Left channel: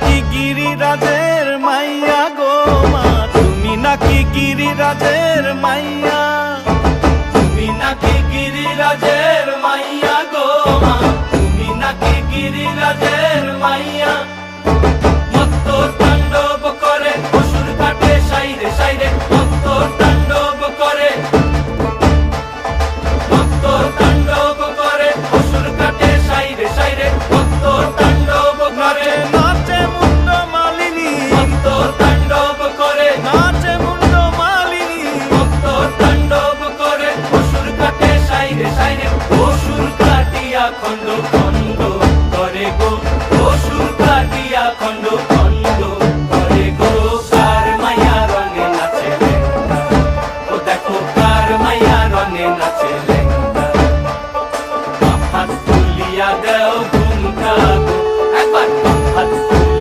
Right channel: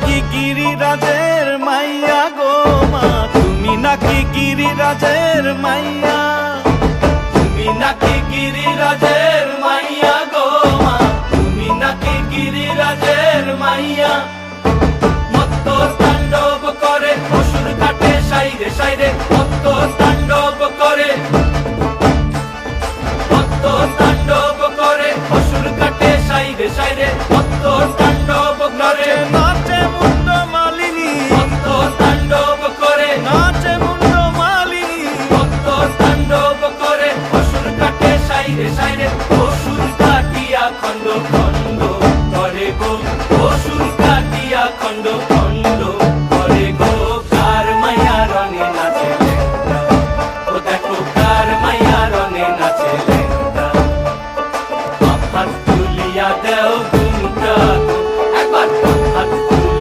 নাকি গিরিরাজের মাইয়া গো মা, তুমি নাকি গিরিরাজের মাইয়া, তুমি নাকি গিরিরাজের মাইয়া গো মা, তুমি নাকি গিরিরাজের মাইয়া। মত্ত তাণ্ডব করে অসুর কাটে সাইরে সাইরে, মত্ত তাণ্ডব করে, মত্ত তাণ্ডব করে অসুর কাটে সাইরে সাইরে, মত্ত তাণ্ডব করে। নাচে মুন্ড মালিনী, মত্ত তাণ্ডব করে, নাচে মুন্ড মালিনী, মত্ত তাণ্ডব করে অসুর কাটে সাইরে সাইরে, অসুর কাটিয়া খণ্ড খণ্ড করে গো, অসুর কাটিয়া খণ্ড